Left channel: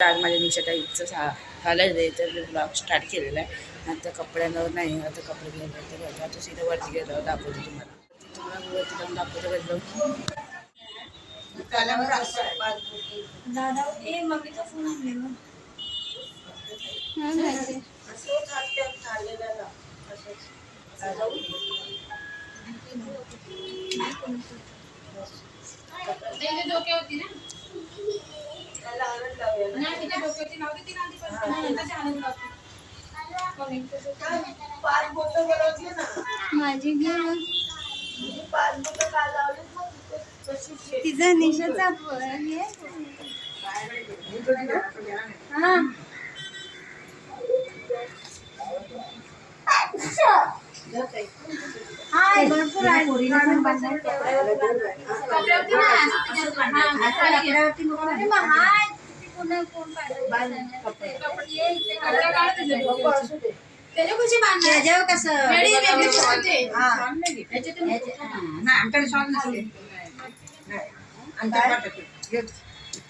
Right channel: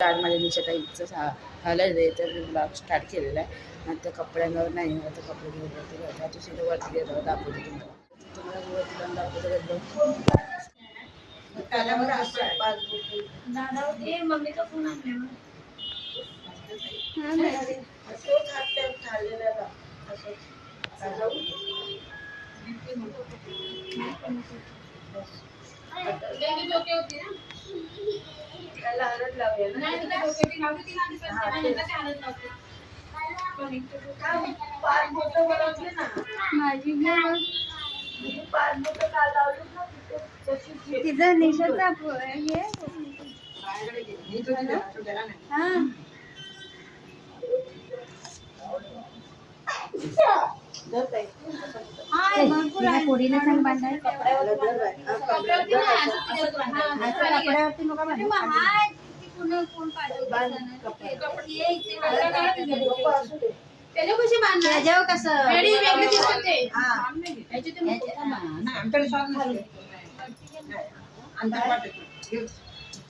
आज माझ्या निशाताईचं झालं आहे तर ब्लॉग स्टार्ट केलेला आहे. आता कपड्यांवर नाही, आता कपडे घ्यायला आता सीधं वरती गेलं दाखवतो तुम्हाला वरती जाऊन दाखवतो घडलं. मम्मीचा फोन आणला डोके होती ना त्याला हळद लावूया ना. नाही तिच्या डोक्यावरती लावली ती आधी पण नंतर ते हळद लावते. पाच बोटं बनवली ना माझी पाच बोटं का लावली ना तिचा निशाचा भरपूर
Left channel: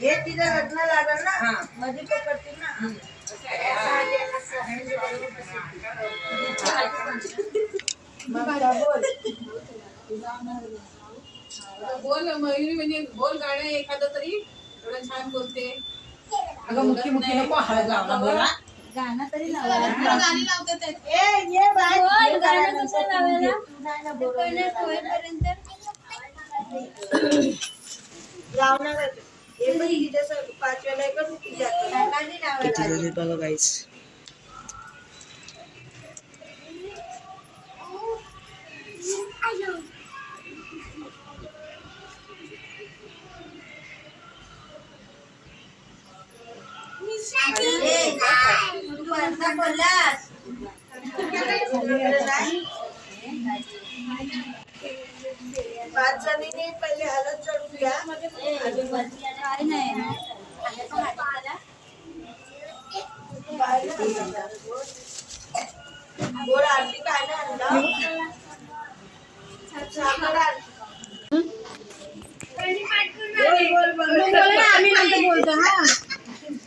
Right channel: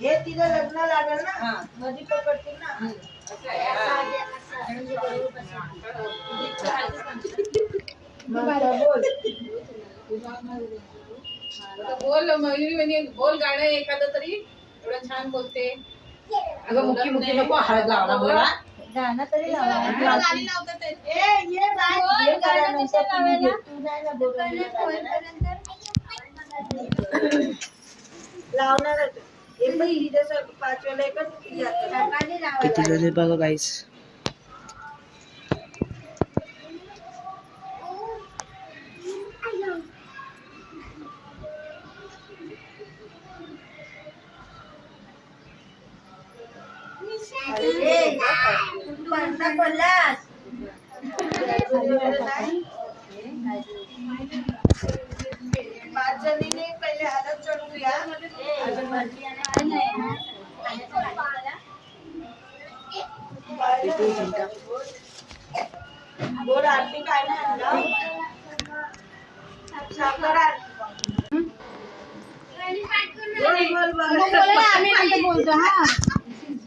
हे तिचं लग्न लागल ना मध्ये पकडतील ना. बोल मयुरी बोल गाणं एखादं तरी एवढं छान बोलते. अगं मुखी मुखी नको हळद लावला मला गाणं तरी लावा. गाणी लावतात ये बाय गाणं कसं लावायला तू नाही ना बोलपर्यंत लावणार हे पण तिच्या पाचव्याला एकच किती झाले बघा गाईस. पाच जणींनी पहिले हळद चढून घ्या. बोल आरती काय नाही साखर आरती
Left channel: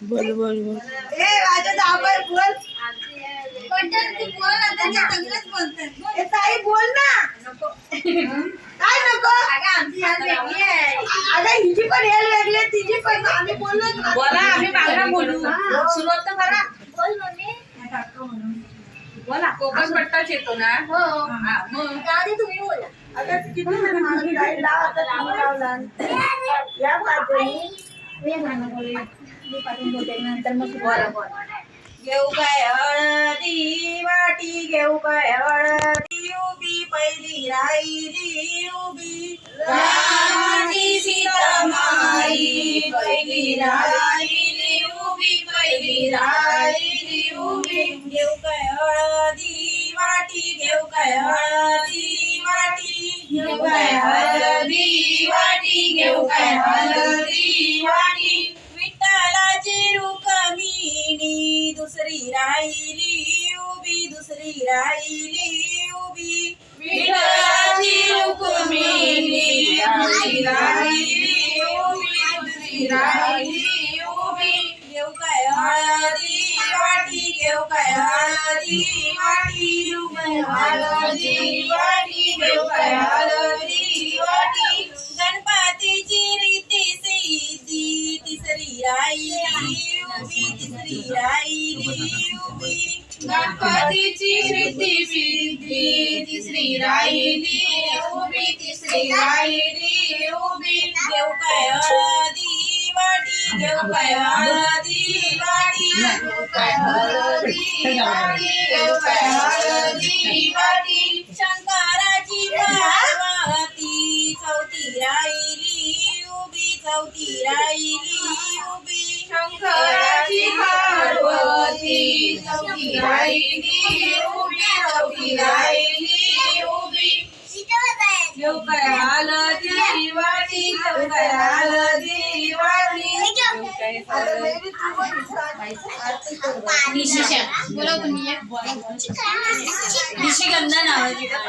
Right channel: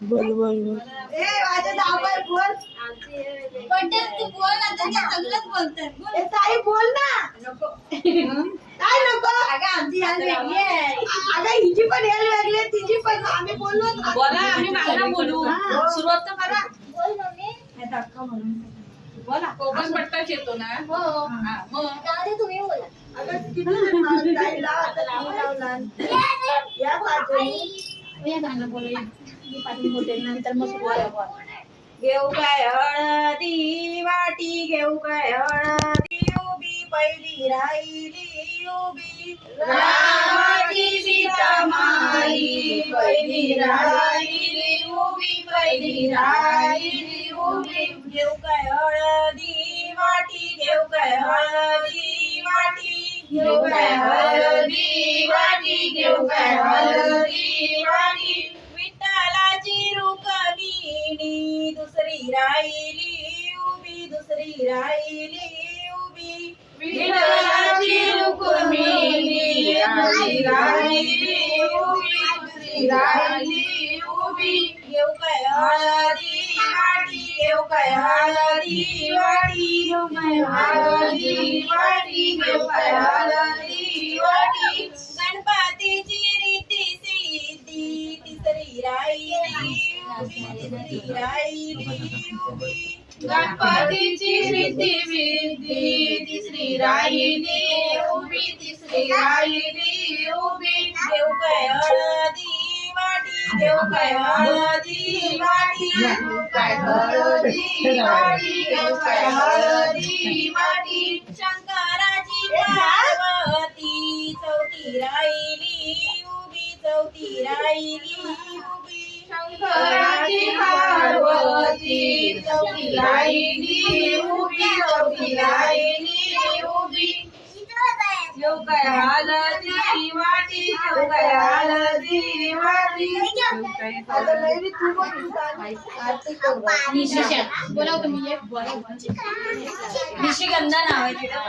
बोल बोल बोल ए माझ्या दाबाय बोल ताई बोल ना. नको काय नको अगं हिची पण हेल लागली तिची पण आम्ही बोललो बोला आम्ही बाहेर बोलू. सुरुवात तर करा. बोल मम्मी बोला कोकण पट्टाच येतो ना. हो मग तुम्ही बोला. अगं किती जण मला ताई लावा तर लावला या पाचजणी या गाणं बोलूया मी पाठवून बोलते नंतर मग बोला बोला. घेऊ काय हळदी वाटी घेऊ काय हळदी उभी पहिली राहिली उभी रामाची सीता माई पहिली राहिली उभी पहिली राहिली उभी. घेऊ काय हळदी वाटी घेऊ काय हळदी वाटी घेऊ काय हळदी वाटी घेऊ काय हळदी वाटी. विठ्ठलाची रुक्मिणी दुसरी राहिली उभी दुसरी राहिली उभी. विठ्ठलाची रुक्मिणी दुसरी राहिली उभी दुसरी राहिली उभी. घेऊ काय हळदी वाटी घेऊ काय हळदी वाटी घेऊ काय हळदी वाटी घेऊ काय हळदी वाटी. गणपतीची रीती सिद्धी तिसरी राहिली उभी तिसरी राहिली उभी. गणपतीची रीती सिद्धी तिसरी राहिली उभी तिसरी राहिली उभी. घेऊ काय हळदी वाटी घेऊ काय हळदी वाटी घेऊ काय हळदी वाटी घेऊ काय हळदी वाटी. शंकराची पार्वती चौथी राहिली उभी चौथी राहिली उभी. शंकराची पार्वती चौथी राहिली उभी चौथी राहिली उभी. घेऊ काय हळदी वाटी घेऊ काय हळदी वाटी. बोला तुम्ही एक निशिगंधा नाव आहे तिथं.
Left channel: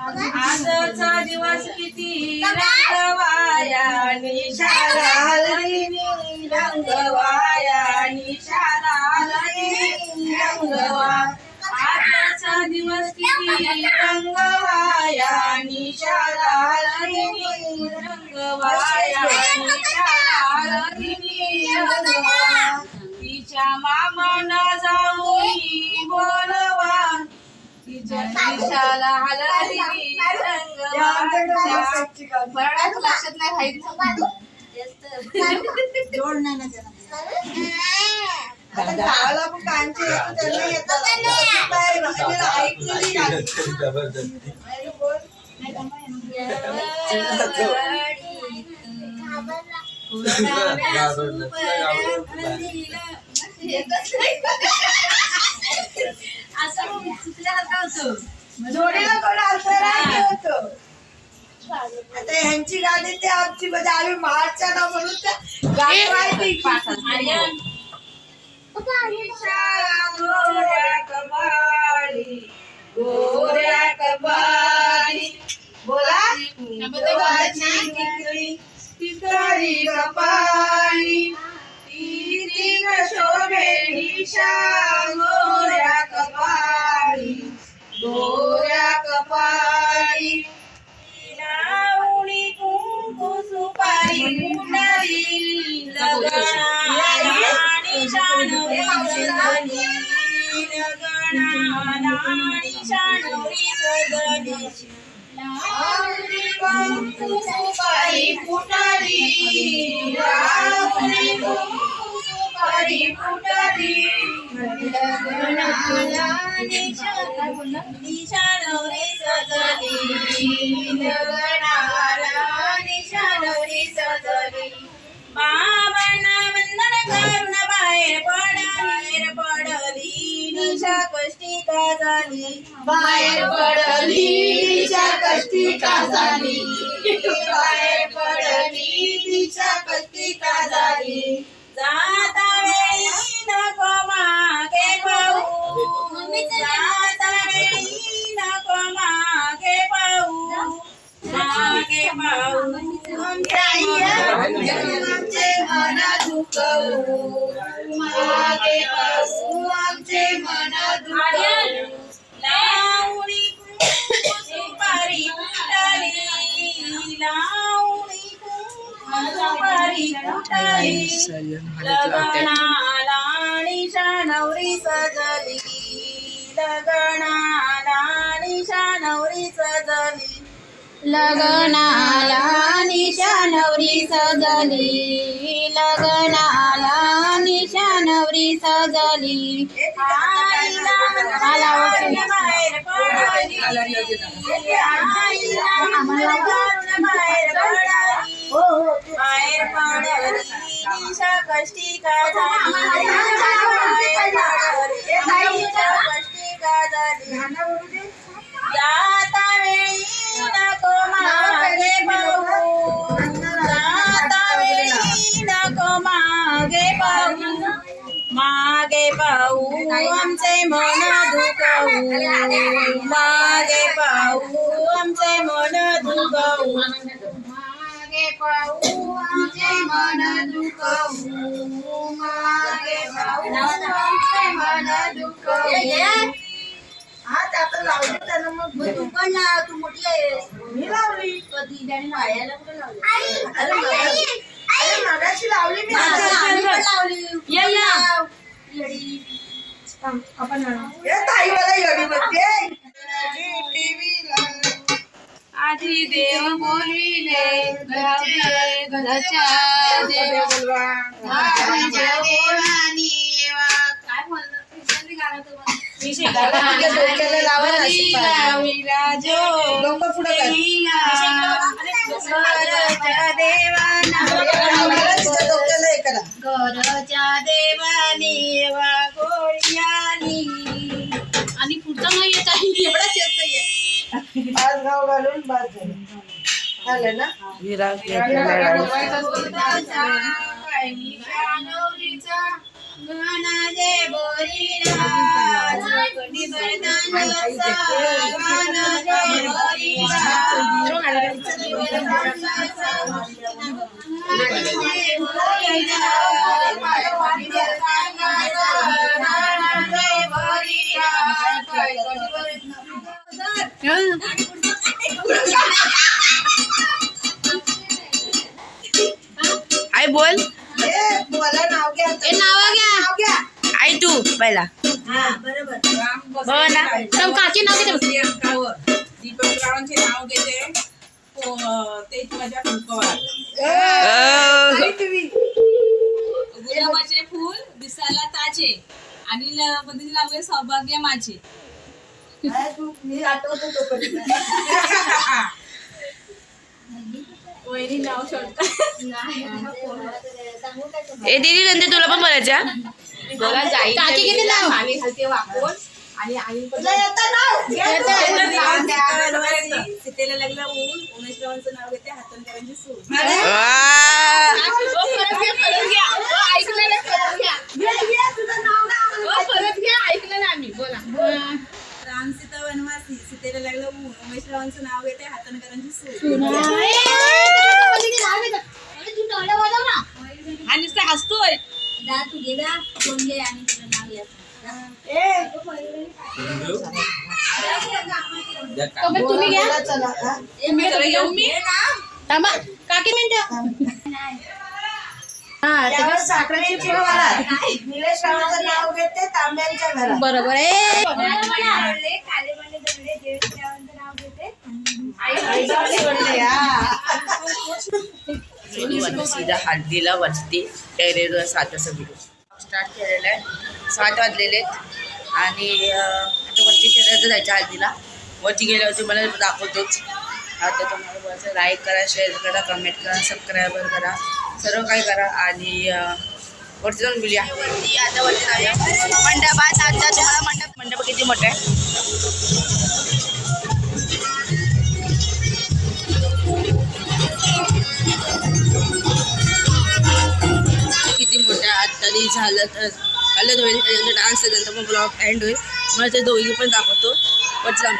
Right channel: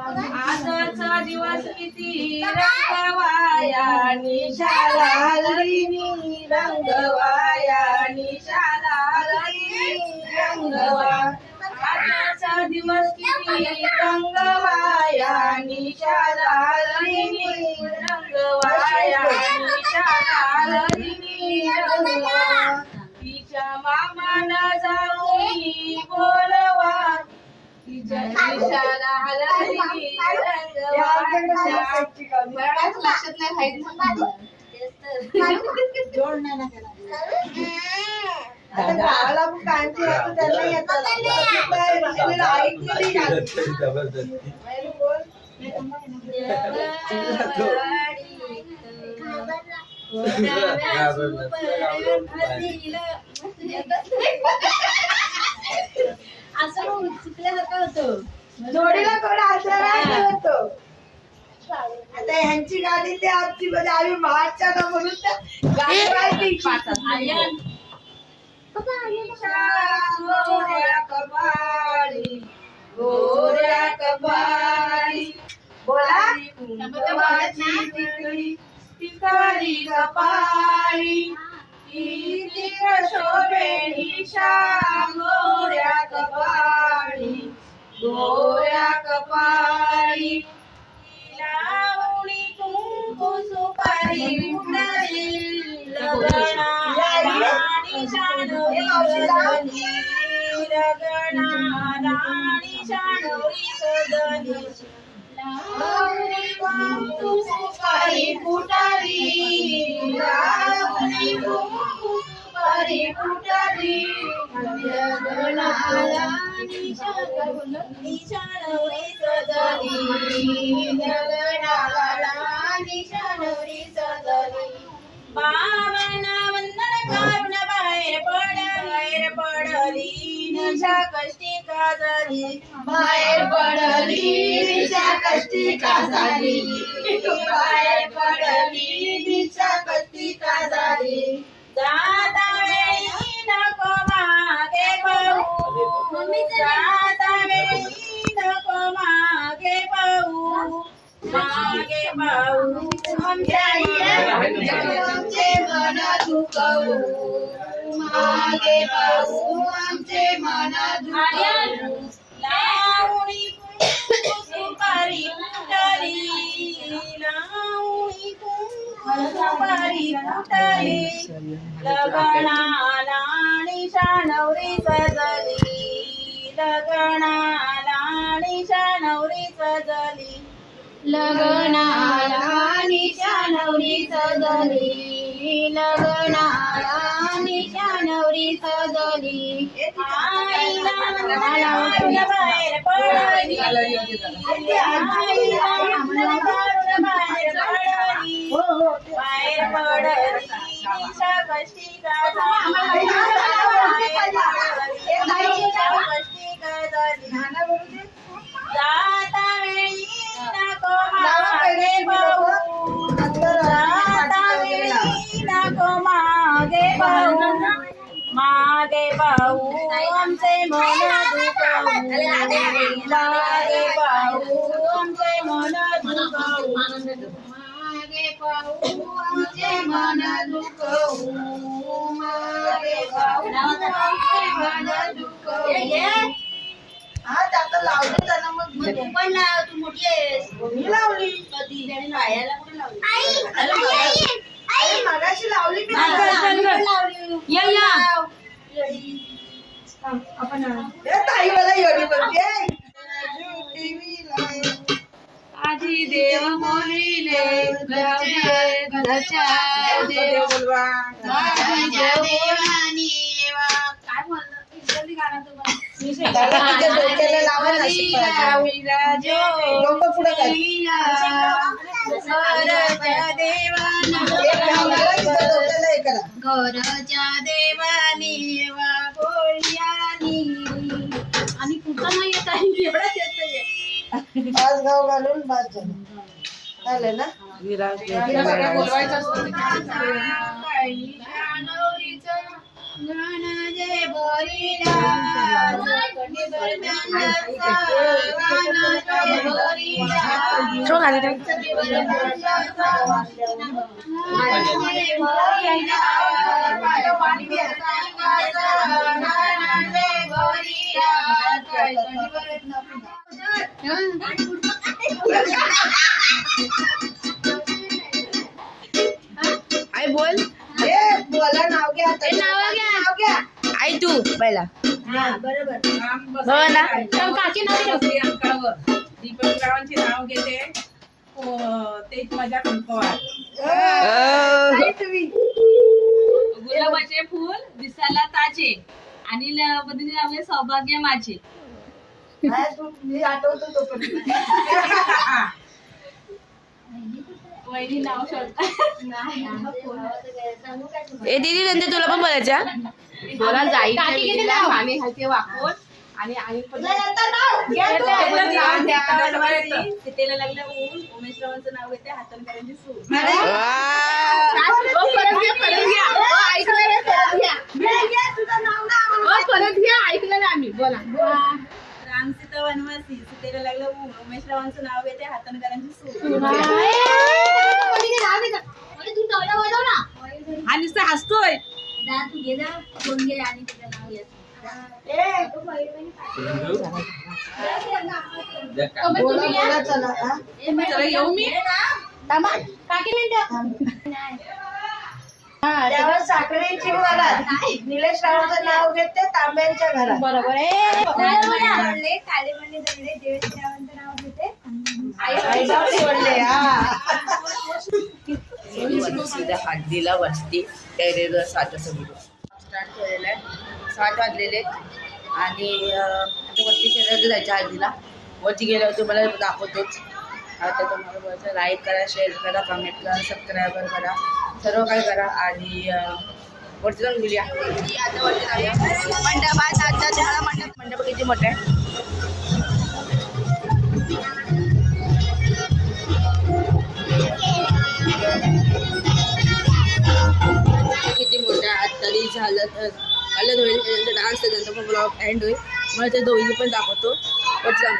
आजचा दिवस किती रंगवाया निशाला हलगिनी रंगवाया निशाला हलगिनी रंगवा आजचा दिवस किती रंगवाया निशाला हलगिनी रंगवाया निशाला हलगिनी रंगवा तिच्या मामाना जाऊन बोलवा तिच्या निशाला हलगिनी रंगवा लक्षात नाही राहील जोड नाही ना गावाला पण कांची होतं त्यांना येतात असं चुकल्यासारखं होतं जोडीला कोण होतं आता ह्यांची गाडी ते आमची म्हणजे आम्ही महाडच्या ना म्हणून त्या गाडी गोऱ्या कपाळी गोऱ्या कपाळी बोला देवाची टिकली टिकाली कपाळी ती शोभे निशा गोऱ्या कपाळी गोऱ्या कपाळी लावणी कुंकू सुपारी मुंडारी लगना राणी शानवरी सजनी लगना राणी शानवरी सजनी लावणी कुंकू सुपारी फुटारी लावणी कुंकू सुपारी फुटारी लगना राणी शानवरी सजनी लगना राणी शानवरी सजनी बाबांना वंदन करून बाहेर पडली निशा कष्टी का झाली बाहेर पडली निशा कष्टी का झाली बाहेर पडली निशा कष्टी का झाली जाता वेळी नको मागे पाहू जाता वेळी नको मागे पाहू मागे पाहू आमचे मन दुखवू मागे पाहू आमचे मन दुखवू लावणी कुंकू सुपारी फुटारी लावणी कुंकू सुपारी फुटारी लगना राणी शानवरी सजली लगना राणी शानवरी सजली लगनाला निशानवरी सजली लगनाला निशानवरी सजली आईला घालून बाहेर पडली आईला घालून बाहेर पडली बाहेर पडली निशा कष्टी का झाली निशा कष्टी का झाली जाता वेळी नको मागे पाहू जाता वेळी नको मागे पाहू आमचे मन दुखवू मागे पाहू आमचे मन दुखवू मागे पाहू आमचे मन दुखवू मागे पाहू आमचे मन दुखवू आज आता लावली त्यांना मग तू पण लाव तू मोठी आहेस मी लावली कधी त्याने पायाला कुठे लावली आई मगाशी लावली मी लावली यल्ला येडी आपण हे ताई मला येडी म्हणते आधी देव बोलिले घरच्या देव बोलवा आधी देवानी काय म्हणलं जल्दी गाणं तुम्हाला डोक्याला लावायला घरच्या देवानी गोळ्यानी आणि पुढचा नाही येत आहे एवढाच येत आज गाव घालून बाज झालं ना बोलायचं गणा जे बोरीला आई बोल. बोला नाव घ्या नाव घ्या आई तू पहिला. बरोबर काची नाव घेते अंकावर दीपकरावांचे नाव घेते. तेच माझ्या कुंकवार. गुलाबाचे फूल दिसायला ताजे आणि पद्धतीने नाव घे सौभाग्य माझे. मी आठवतो तो वहिनी नाव शोधता. ए दीदी नंतर तुला पण बोलायचं हा? काकी किती नाव पाणी घालते वाकून आणि सीतेला लागला ऊन. उमेशरावांचं नाव घेते हातणकरांची सून. ऐकलं ना आम्ही. बोला. राम सीता वनवासी सीतेला लागलं ऊन. उमेशरावांचं नाव घेते हातणकरांची सून. हा नुसतं हसतोय. तुम्ही घ्या. चला येऊ मी. थांबा काकी मिनिट. साखरेची घरात निलेश रावांचं नाव घेते तांब्यांच्या घरात. बरोबर आहे. सीधा हळदीला वरती टेरेसवर 7 वाजता व्हिडिओ स्टार्ट केलेला आहे. 7 वाजलेले आहेत आणि आता वरती टेरेसवर जायचं हळदीला. वरती गेल्यावर तुम्हाला दाखवतोच. आता तुम्हाला बोलायचं लाईक करा, शेअर करा, कमेंट करा, सबस्क्रायबर करा, सर्व काही करा आणि वरती जाऊन बोलूया. वरती आता वरती जाऊया मंडपात. आता तुम्हाला मंडप किती मोठा आहे किती मोठा. आत्ता झालं तर अलग होईल. त्याच्यानंतर डान्स त्याच्यानंतर मग ब्लॉग एंड होईल. मला ते दोघी पण दाखवतो. वरती जाऊन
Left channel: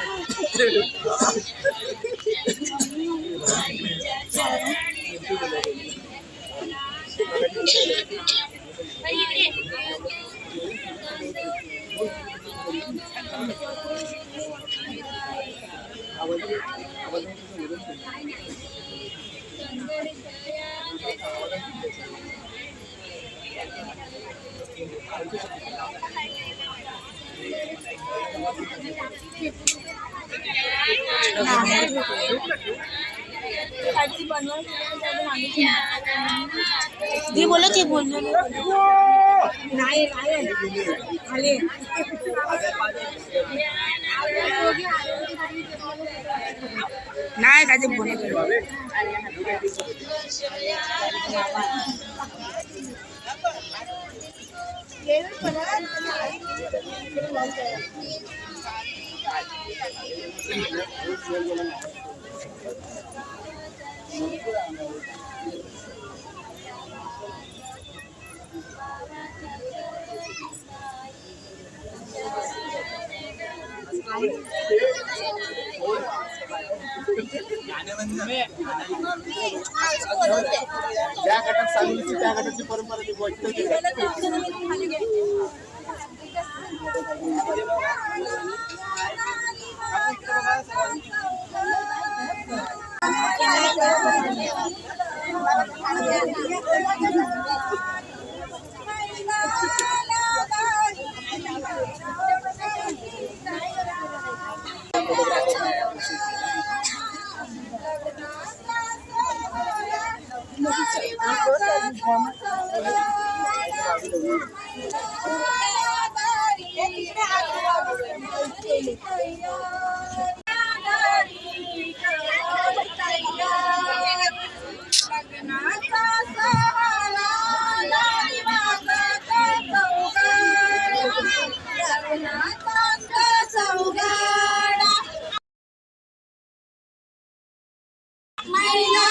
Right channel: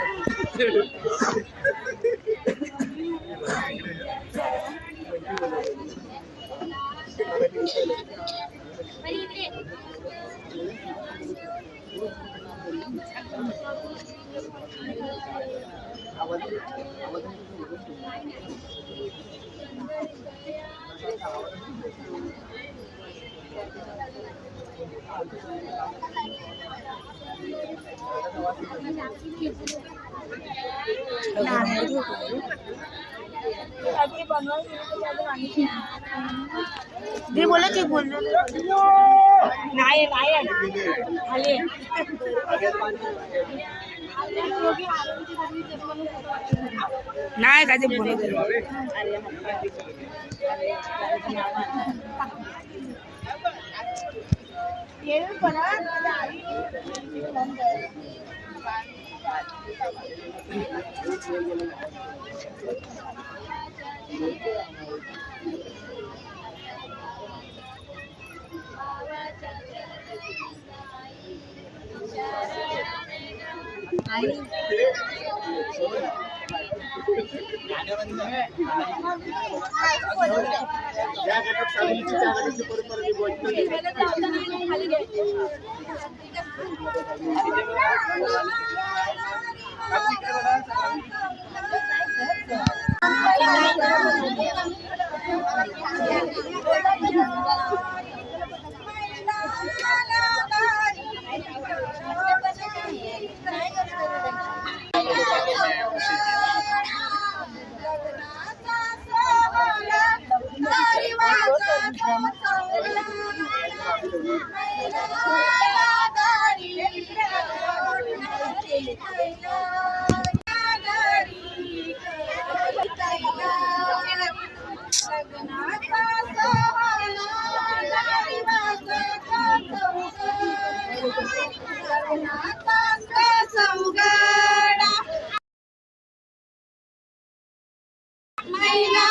ती बोला ती बोल नाही काय ते बोलत ज्या गटात चालवली त्या गटाची परंपरा निभवायची. मैला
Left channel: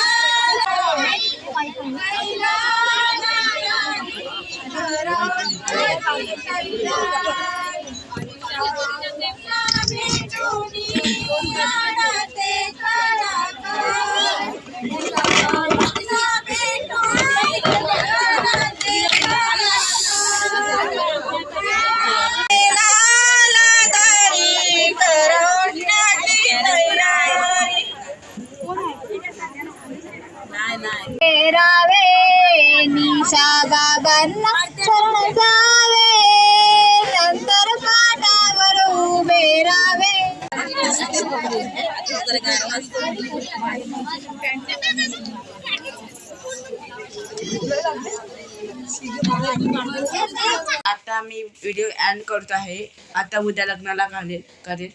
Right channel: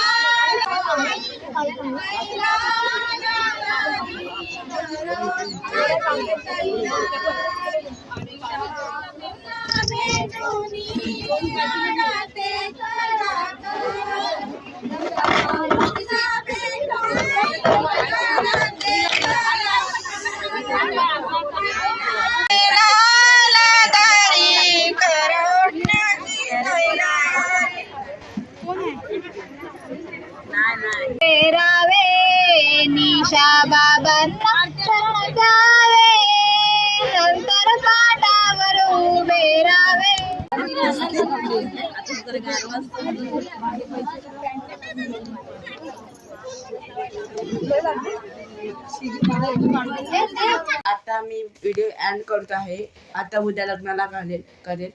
आता मी व्हिडिओ एंड करतो आहे. आता उद्या लग्नाला करेल.